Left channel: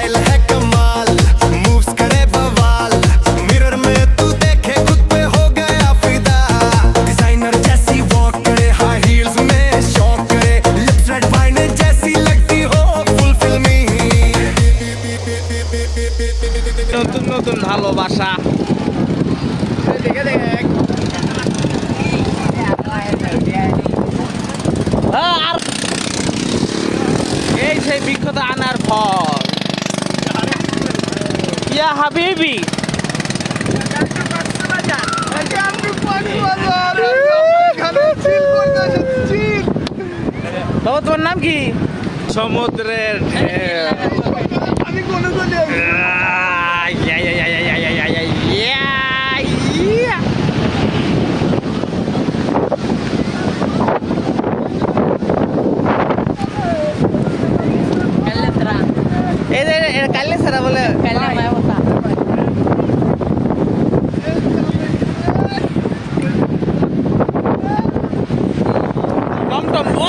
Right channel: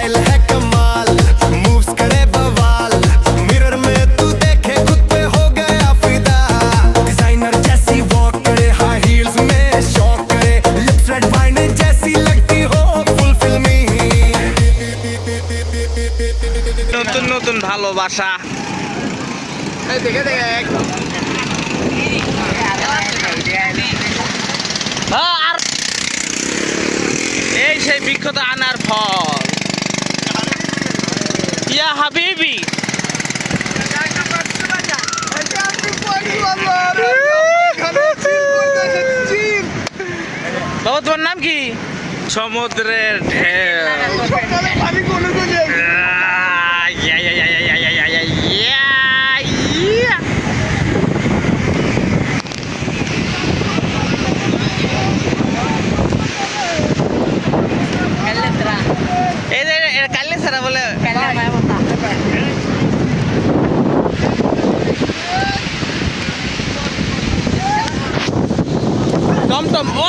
Style है कमाल, moves करे बवाल, मिरर में तू देखे खुद पे हो गया फिदा, डिजाइनर जैसी वॉक करे, हाई हील्स में शॉक करे, लिप्स रेड वाइन जैसी लगती हो फुल फिल्मी। নতুন নতুন ভালোবাসা আর এই সেই বিখ্যাত আনার ফল ইয়া হাবিবি। বাবা তোমার নাম কি? সমুদ্রের ঢেউ। কালে সারা বলে টমটম ও